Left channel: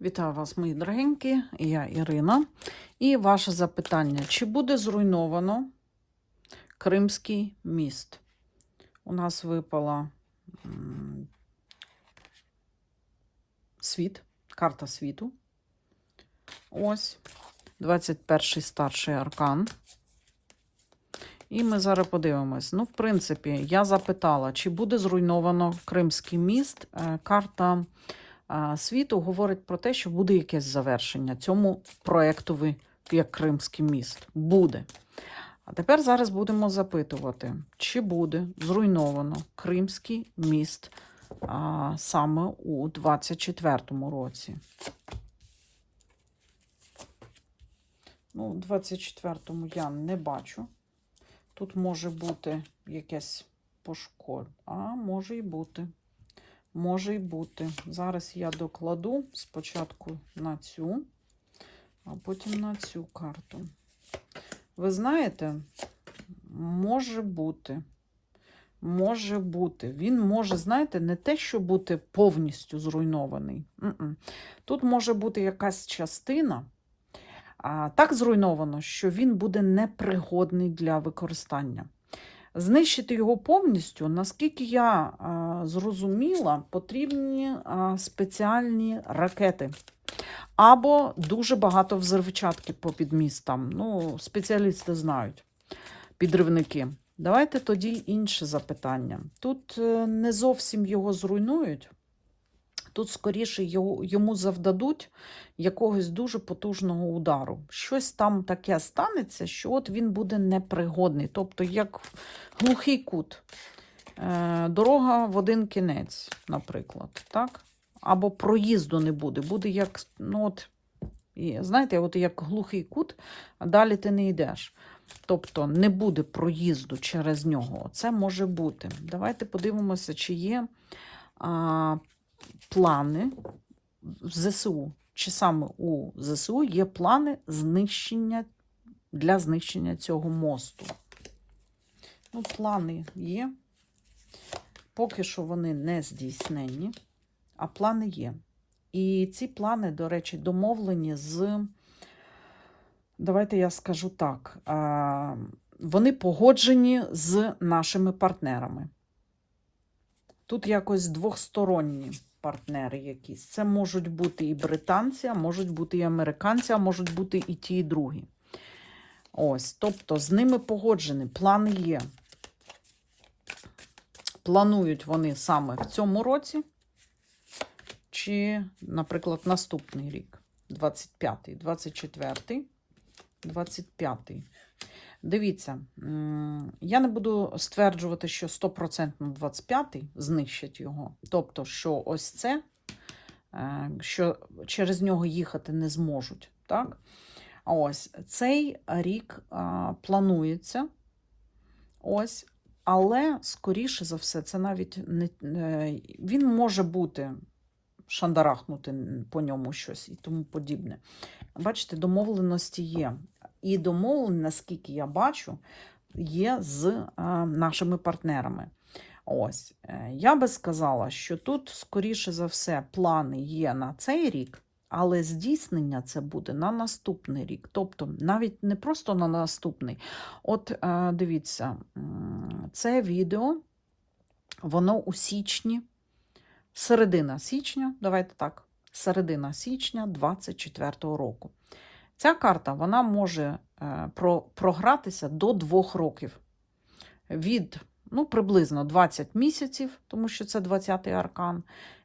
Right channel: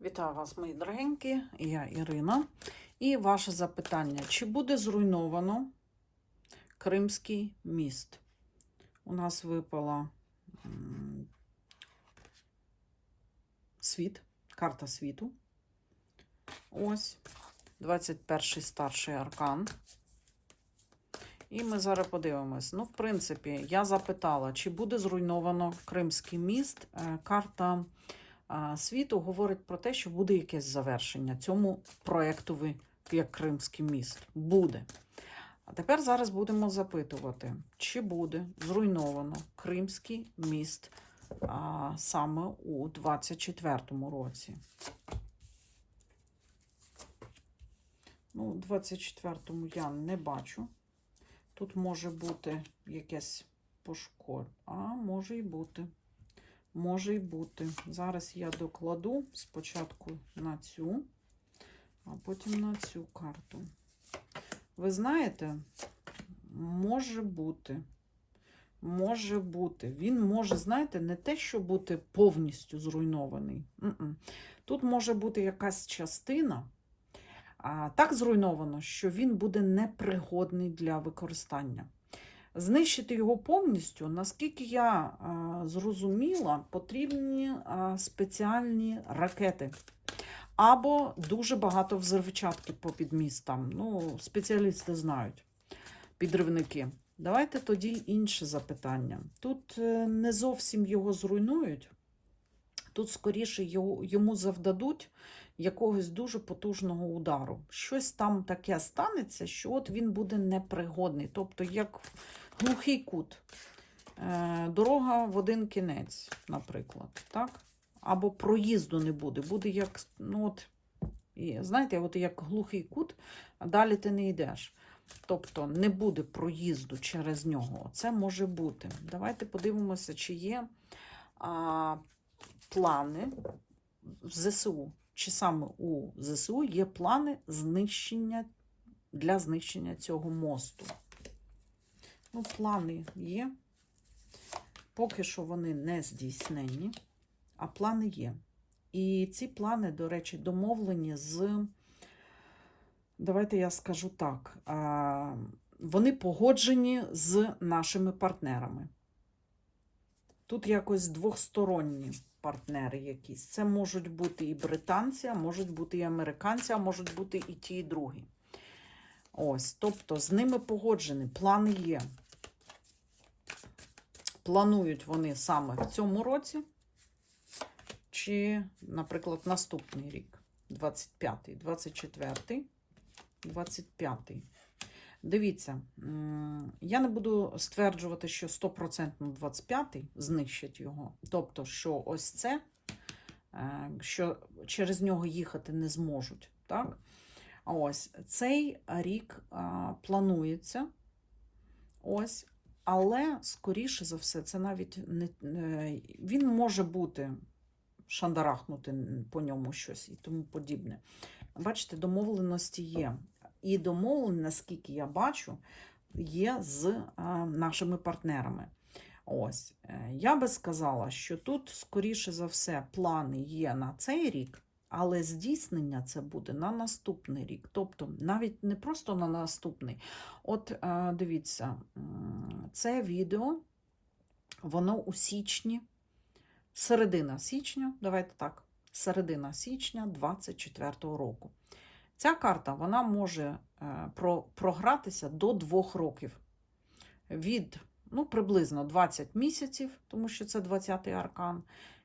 Вітаю вас, мої дорогенькі, я Ірина. І ваше запитання: чи буде зруйновано Кримський міст? У нас випала світ, карта світу. Ось 21-й старший аркан. І ми зараз подивимось. Ну, в принципі, я запитала, чи буде зруйновано Кримський міст. Е, Карта світу говорить про те, що буде якесь завершення цьому проєктові, як Кримський міст. Буде. А тепер зараз будемо запитувати, чи буде зруйновано Кримський міст а, саме у 24-му році. Ну, у 24-му я не бачу. Тут може бути якесь пошкодження. А, може і бути. Може й бути. Зараз я докладу спочатку на цю, а потім на цю карту. Ви знаєте, може бути. Може бути. Він може, знаєте, не те, що бути повністю зруйнований. Тут може бути якась частина. А, так зруйновано, що він буде непригодний для використання. Знищити його повністю, наскільки я а, зрозуміла, потрібні а, спеціальні ракети. Або дуже багато взривчатки по підмістам. Ну, спеціалісти знають, підривники. Давайте тоді інше запитання. Тут е, не зовсім його зруйнують, тут скоріше йому завдадуть якогось дуже потужного удару. Щось там таке станеться, що от він буде непригодний. Тобто, як глухий кут. Е, Дорога в один кінець, наприклад. так? Або проїзду не буде. Буде як, ну от, знаєте, от як глухий кут, а далі ти не йдеш. Тобто не буде проїзду через нього. Це може бути. Давайте подивимося, чи є а, плани в ЗСУ, чи саме у ЗСУ є плани знищення для знищення цього мосту. Ну, плани є. Поки що вони не здійснені, а плани є. І ці плани, до речі, домовлені з, давайте я скажу так, вони погоджені з нашими партнерами. Тут якось двосторонні партнери якісь. Це можуть бути і британці, а можуть бути і американці, а можуть бути і ті, і другі. Ось, тобто з ними погоджені, плани є. Планують вони саме в цьому році, чи, наприклад, наступний рік, 25-й, 24-й, 25-й. Дивіться, я не буду стверджувати, що 100% 25-й знищать його. Тобто, що ось це, е, що через нього їхати не зможуть. Так? Ось цей рік а, планується. Ось, але, скоріше за все, це навіть не е, він може бути шандарахнути по ньому щось і тому подібне. Бачите, домовленості є. І домовлення, наскільки я бачу, є з е, нашими партнерами. Ось, е, я би сказала, що тут, скоріше за все, плани є на цей рік, але здійснення це буде на наступний рік. Тобто, навіть не просто на наступний. От е, дивіться, це відео, воно у січні, середина січня, давайте так, середина січня 24-го року. Ця карта вона може е, про, програтися до двох років. Від ну, приблизно 20 місяців, тому що це 20-й аркан,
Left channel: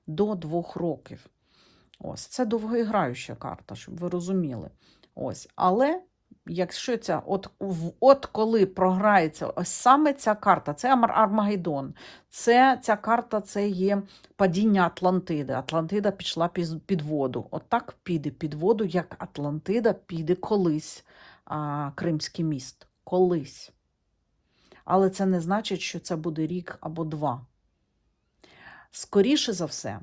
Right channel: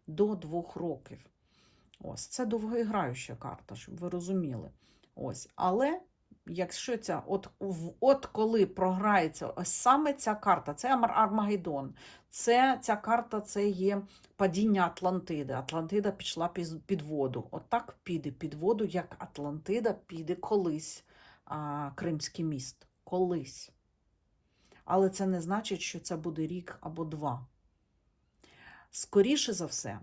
до двох років. Ось, це довгоіграюча карта, щоб ви розуміли. Ось, але якщо ця, от, от коли програється ось саме ця карта, це Армагеддон, це ця карта це є падіння Атлантиди. Атлантида пішла під воду. От піде під воду, як Атлантида піде колись а, Кримський міст. Колись. Але це не значить, що це буде рік або два. Скоріше за все,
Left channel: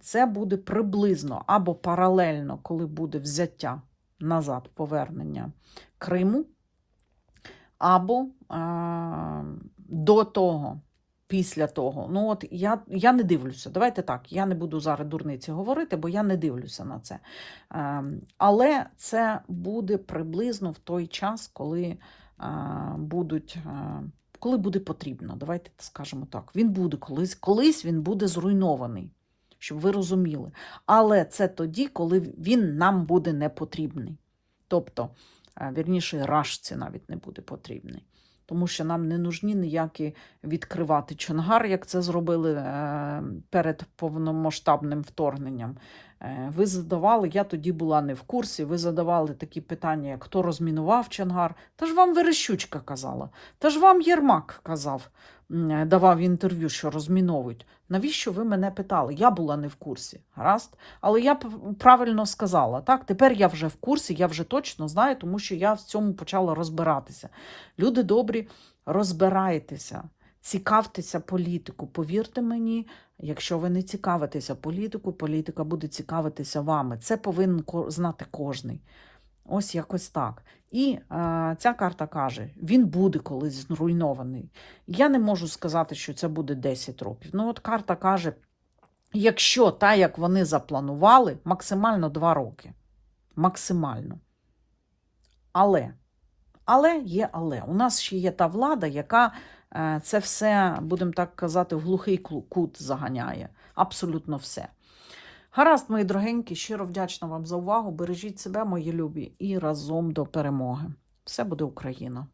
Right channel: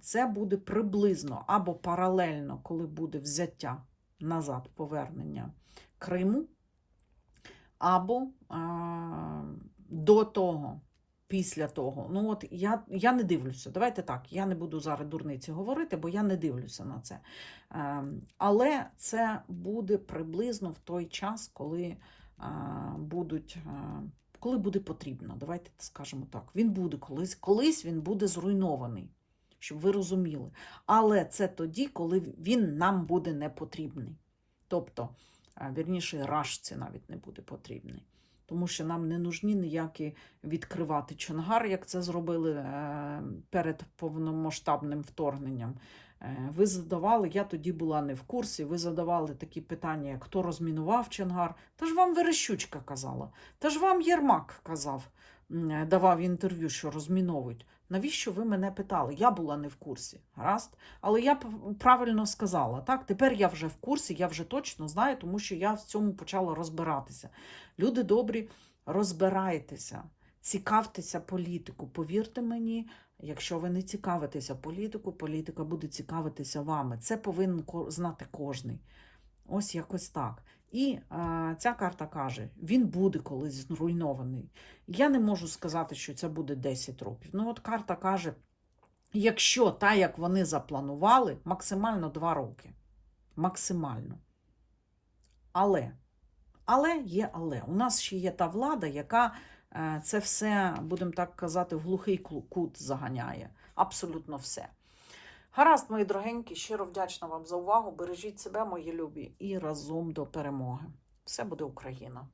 це буде приблизно або паралельно, коли буде взяття назад повернення Криму, або а, до того, після того. Ну, от я, я не дивлюся. Давайте так, я не буду зараз дурниці говорити, бо я не дивлюся на це. Ем, Але це буде приблизно в той час, коли е, будуть. е, Коли буде потрібно, давайте скажемо так. Він буде колись, колись він буде зруйнований, щоб ви розуміли. Але це тоді, коли він нам буде не потрібний. Тобто, е, вірніше, рашці навіть не буде потрібний. Тому що нам не нужні ніякі відкривати Чонгар, як це зробили е, перед повномасштабним вторгненням. Е, Ви задавали, я тоді була не в курсі. Ви задавали такі питання, як хто розмінував Чонгар. Та ж вам Верещучка казала, та ж вам Єрмак казав, е, давав інтерв'ю, що розміновують. Навіщо ви мене питали? Я була не в курсі. Гаразд? Але я правильно сказала. Так, тепер я вже в курсі, я вже точно знаю, тому що я в цьому почала розбиратися. Люди добрі, розбирайтеся, цікавтеся політику. Повірте мені, якщо ви не цікавитеся політику, політика буде цікавитися вами. Це повинен знати кожний. Ось якось так. І е, ця карта каже: він буде колись зруйнований. Я не можу сказати, що це буде 10 років. Ну, от карта каже: якщо так, як вони запланували, максимально 2 роки. Максимально. Але, але є але. У нас ще є та влада, яка це все, будемо так казати, в глухий кут заганяє. Абсолютно все. Гаразд, мої дорогенькі, щиро вдячна вам за увагу. Бережіть себе, мої любі, і разом до перемоги. Все буде Україна!